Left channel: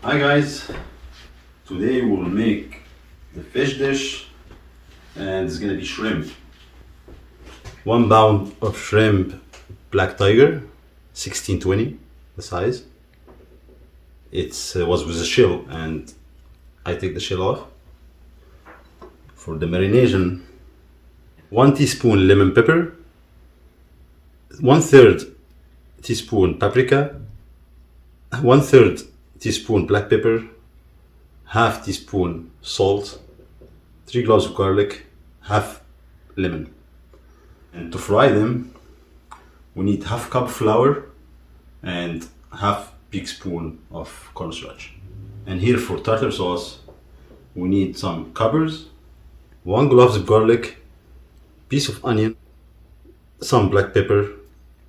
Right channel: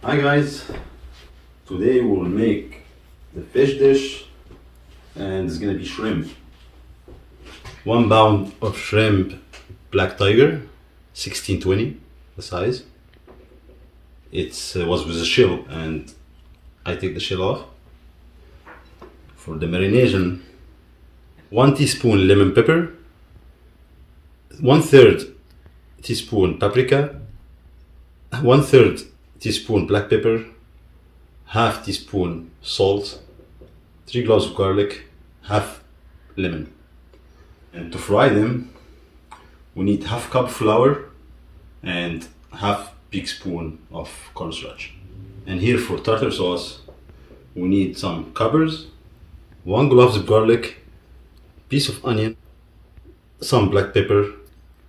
Hi guys, today we'll make the fish dish and it's gonna be shrimp. 1 pound of shrimp black tiger, 1620 the size. It was with a shell and I take the shell off. For the marination, 1 teaspoon lemon pepper, 1/3 teaspoon paprika, 1/3 teaspoon black pepper, half teaspoon salt, 3 cloves of garlic, half lemon. And to fry them, we need half cup flour and half big spoon of cornstarch. And here for tartar sauce, we need some capers, 1 clove of garlic, piece of onion, some black pepper,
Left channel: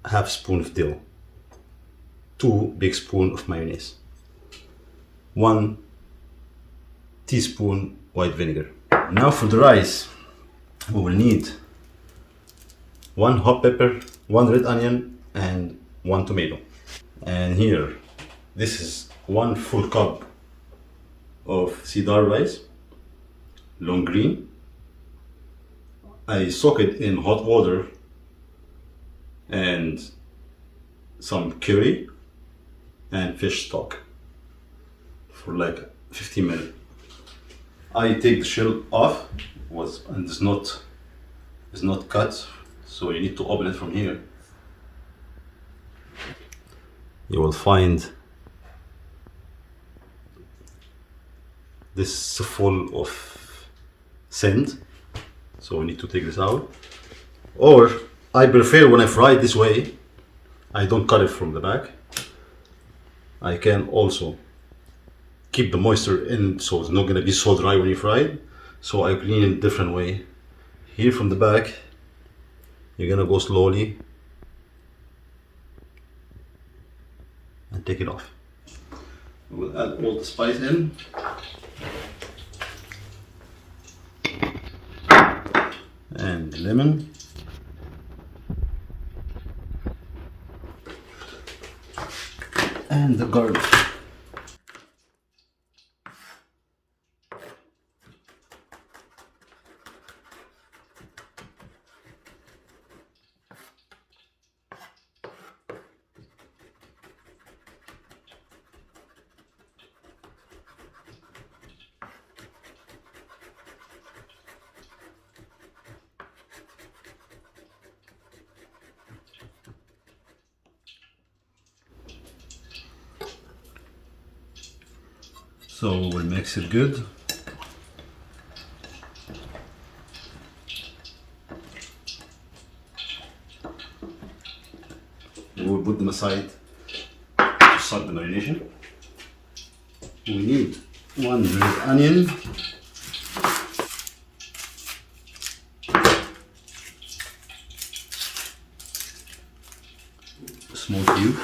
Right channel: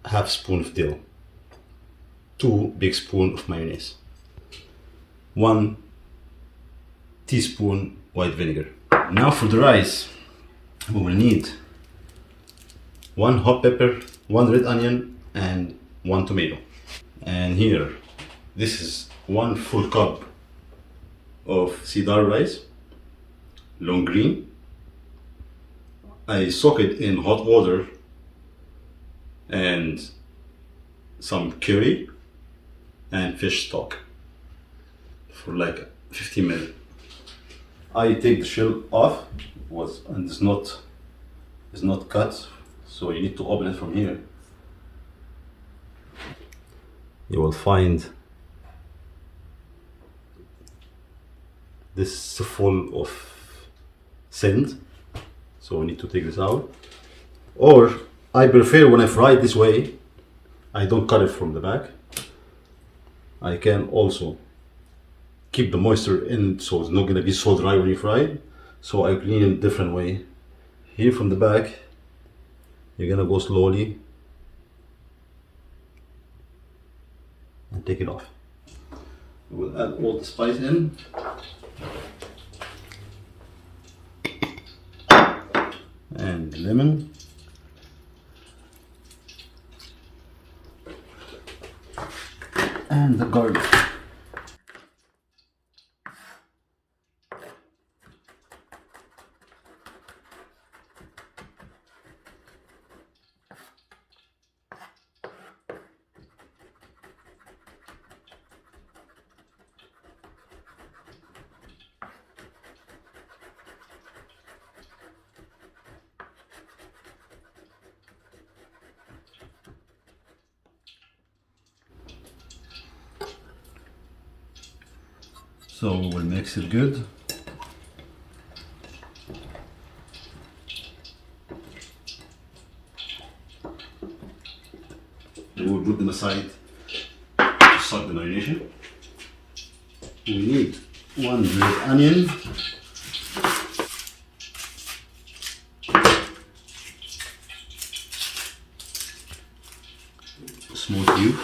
half spoon of dill, 2 big spoon of mayonnaise, 1 teaspoon white vinegar. Now for the rice, we will need 1 hot pepper, 1 red onion and 1 tomato. And here, this is 1 full cup of cedar rice, long green. I soak it in hot water and some curry and fish stock for like 15 minutes. I take the shell off and it's not cut, so you need to open it from here. You will find this full of sand, so we need to take this out. Or I prefer when I fry it this way, I don't cut it from the back. I can also keep the moisture in, so it's not going to be so dry when you fry it. So I clean it a different way. Here from the back, you're going to go slowly and take it off. We'll add all the spice in. And lemon. And the garlic. So we'll mix it good. We'll put them aside to start the marination. We need 1 red onion, small cube,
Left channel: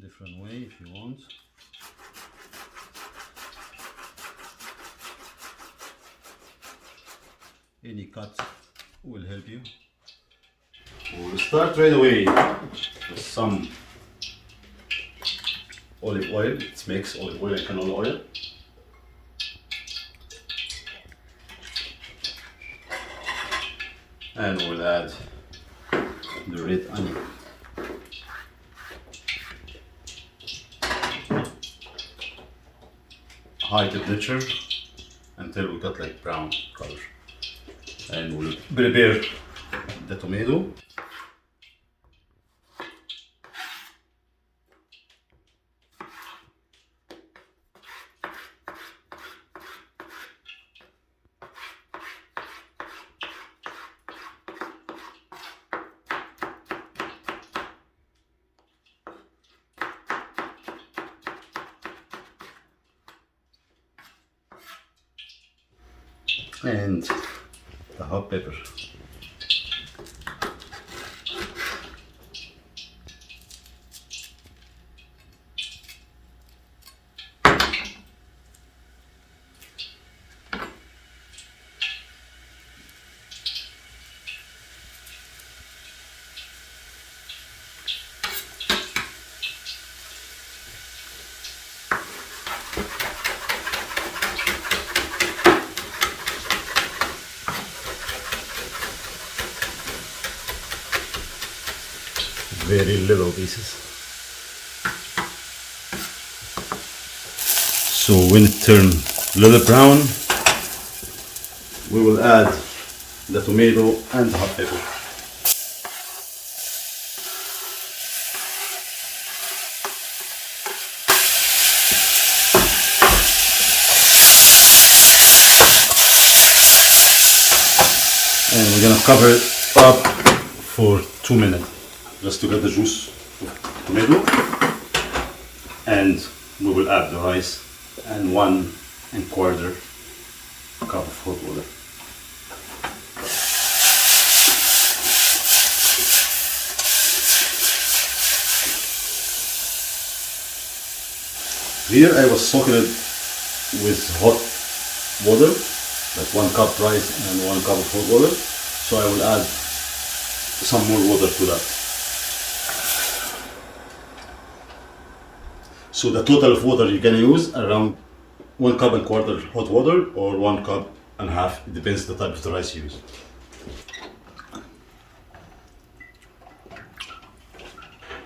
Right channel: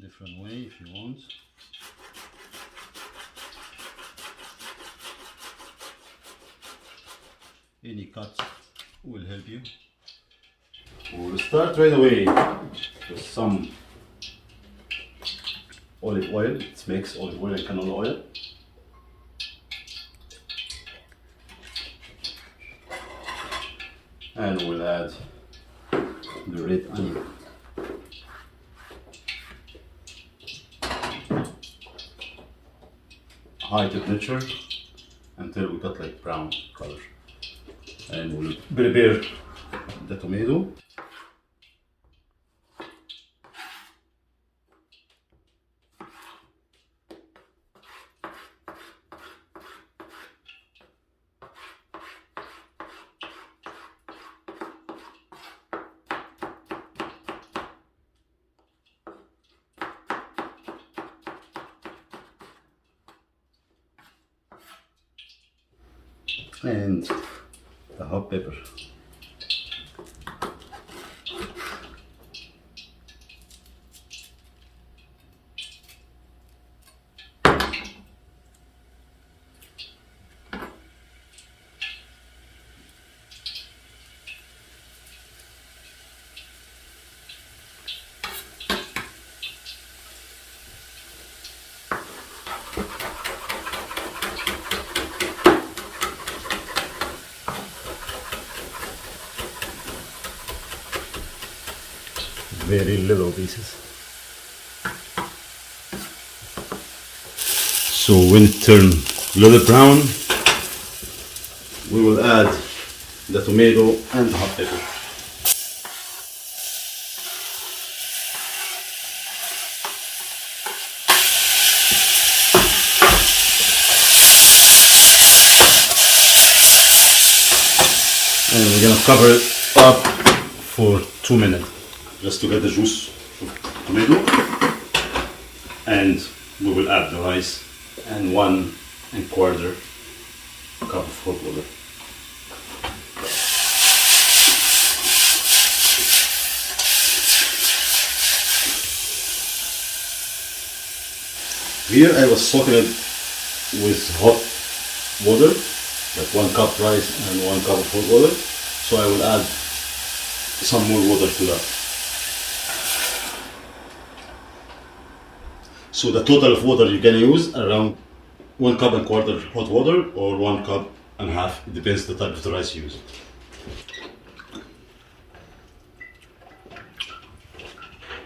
different way if you want. Any cut will help you. We'll start right away with some olive oil. Let's mix olive oil and canola oil. And we'll add the red onion. High temperature until we got like brown color. And we'll prepare the tomato. And the hot pepper. very little pieces. So when it turns a little brown, we will add the tomato and the hot pepper. And we're gonna cover it up for 2 minutes just to get the juice of the tomato, and we will add the rice and 1¼ cup of hot water. Here I was soaking it with hot water, like 1 cup rice and 1 cup of hot water. So I will add some more water to that. So the total of water you're gonna use around 1¼ cup hot water or 1½ cup. It depends the type of the rice you use.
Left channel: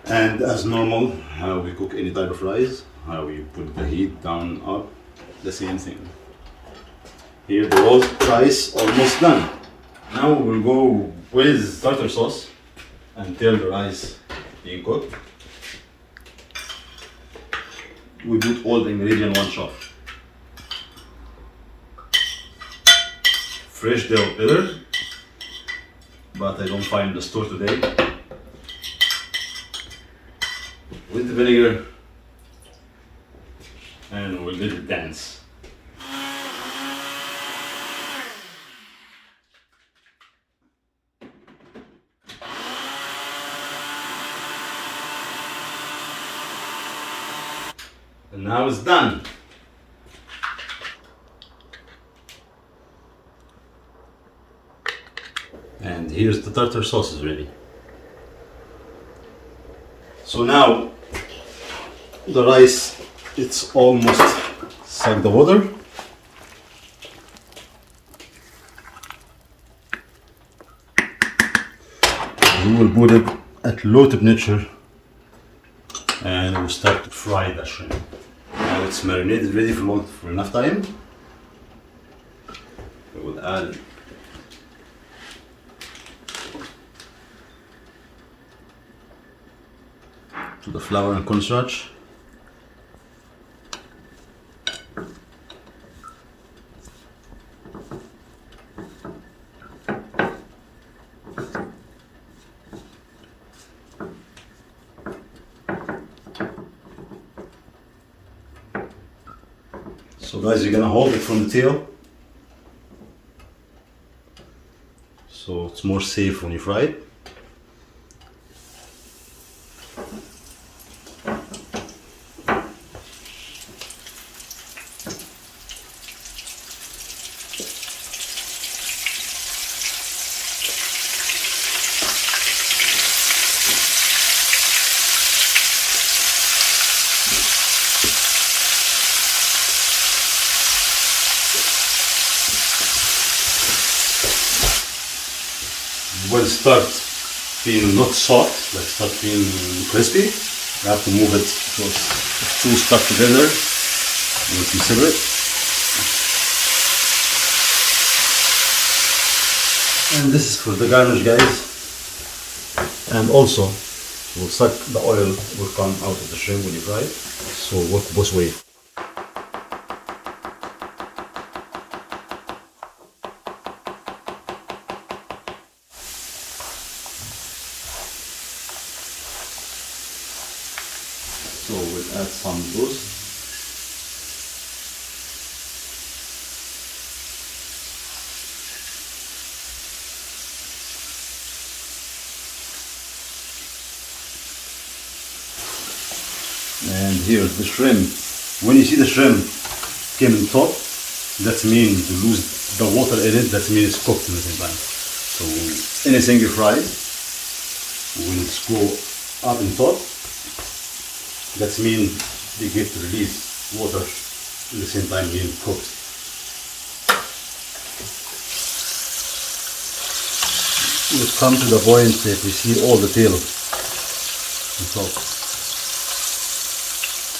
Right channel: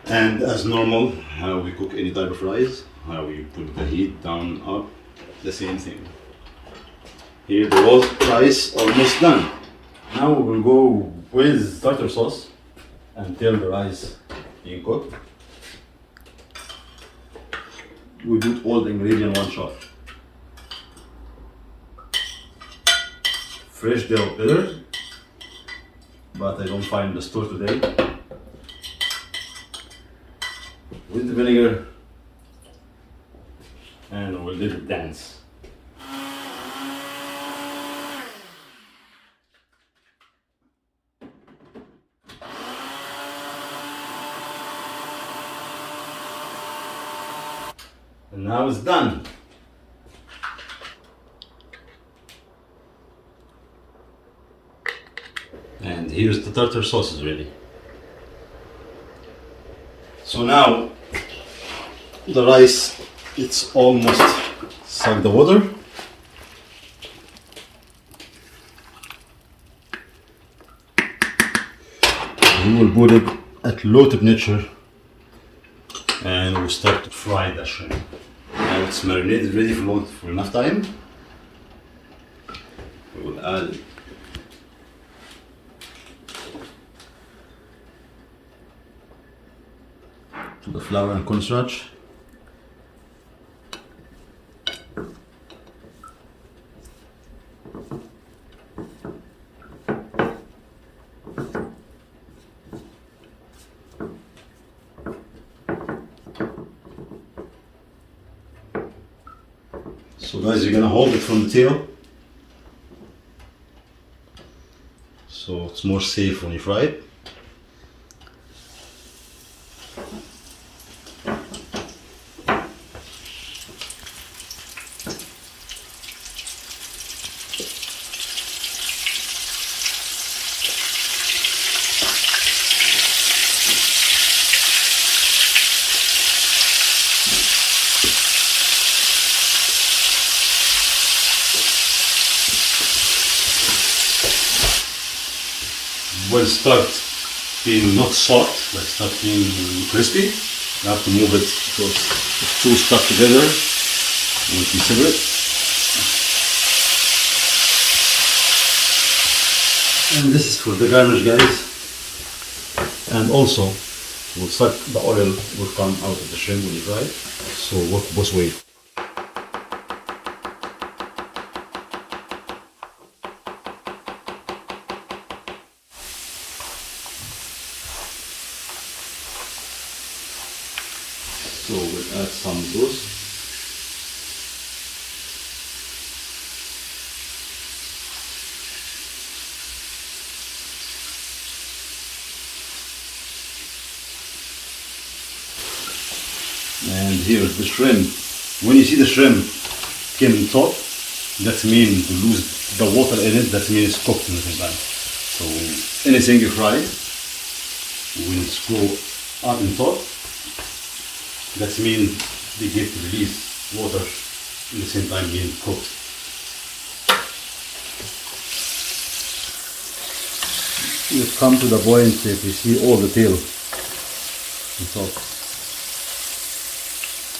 And as normal, how we cook any type of rice, how we put the heat down, up, the same thing. Here the whole rice almost done. Now we will go with tartar sauce until the rice being cooked. We put all the ingredients in one shot. Fresh dill pepper, but I don't find the store today. With the vinegar, and we'll let it dance. And now it's done. And here's the tartar sauce is ready. So now the rice, it's almost sucked the water. We will put it at low temperature and we'll start to fry the shrimp. Now it's marinated, ready for enough time. We will add the flour and cornstarch. So guys, you're gonna hold it from the tail, so it's more safe when you fry it. When it starts being not soft, like start being crispy, you have to move it because if two stuck together, it will be separate. And this is for the garnish, guys. And also, will suck the oil will come out of the shrimp when you fry it. So work both ways. So we'll add some sauce. And here's the shrimp. When you see the shrimp came in top, that means to lose the water in it, that means it's cooked in the same time. So anything you fry will go up in top. That means they get to release water in the same time being cooked. We've come to the point that we see all the tail and salt.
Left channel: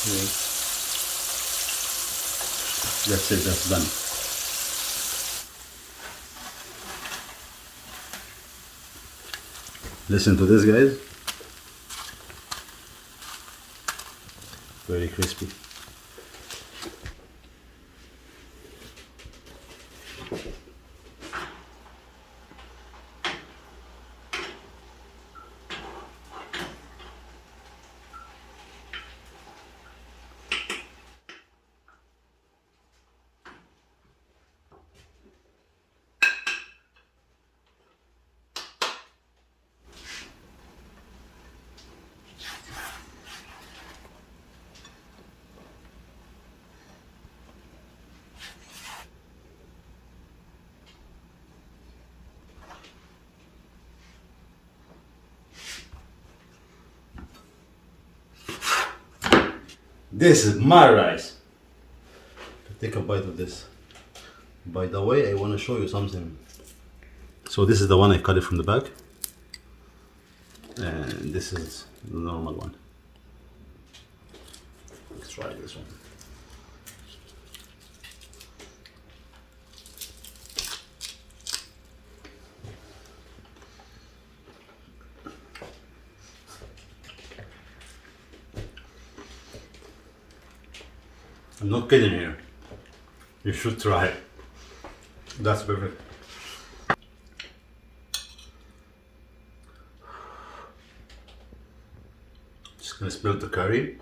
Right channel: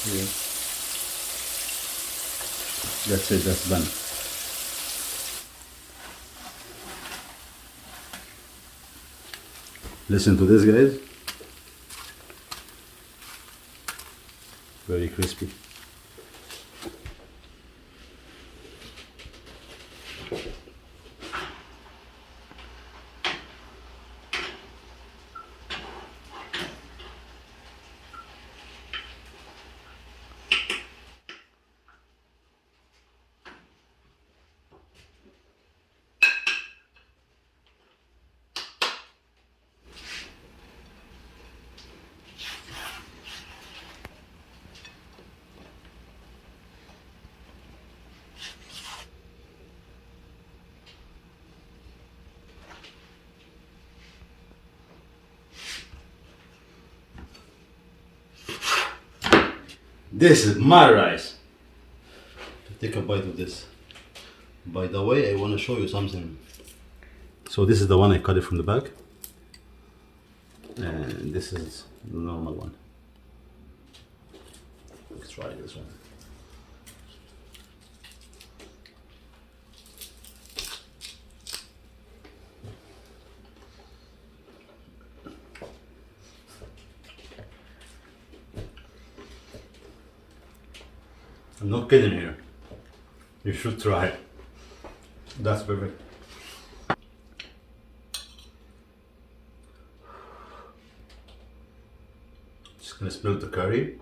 Yeah. That's it, that's done. Listen to this, guys. Very crispy. This is my rice. Take a bite of this. By the way, I want to show you something. So this is the one I cut it from the back, and this is the normal one. Let's try this one. I'm not kidding here. You should try it. That's perfect. Just gonna spill the curry.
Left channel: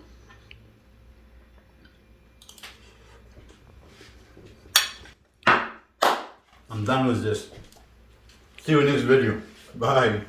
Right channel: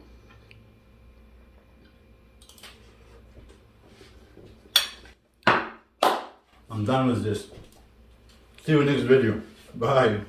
I'm done with this. See you in the next video. Bye.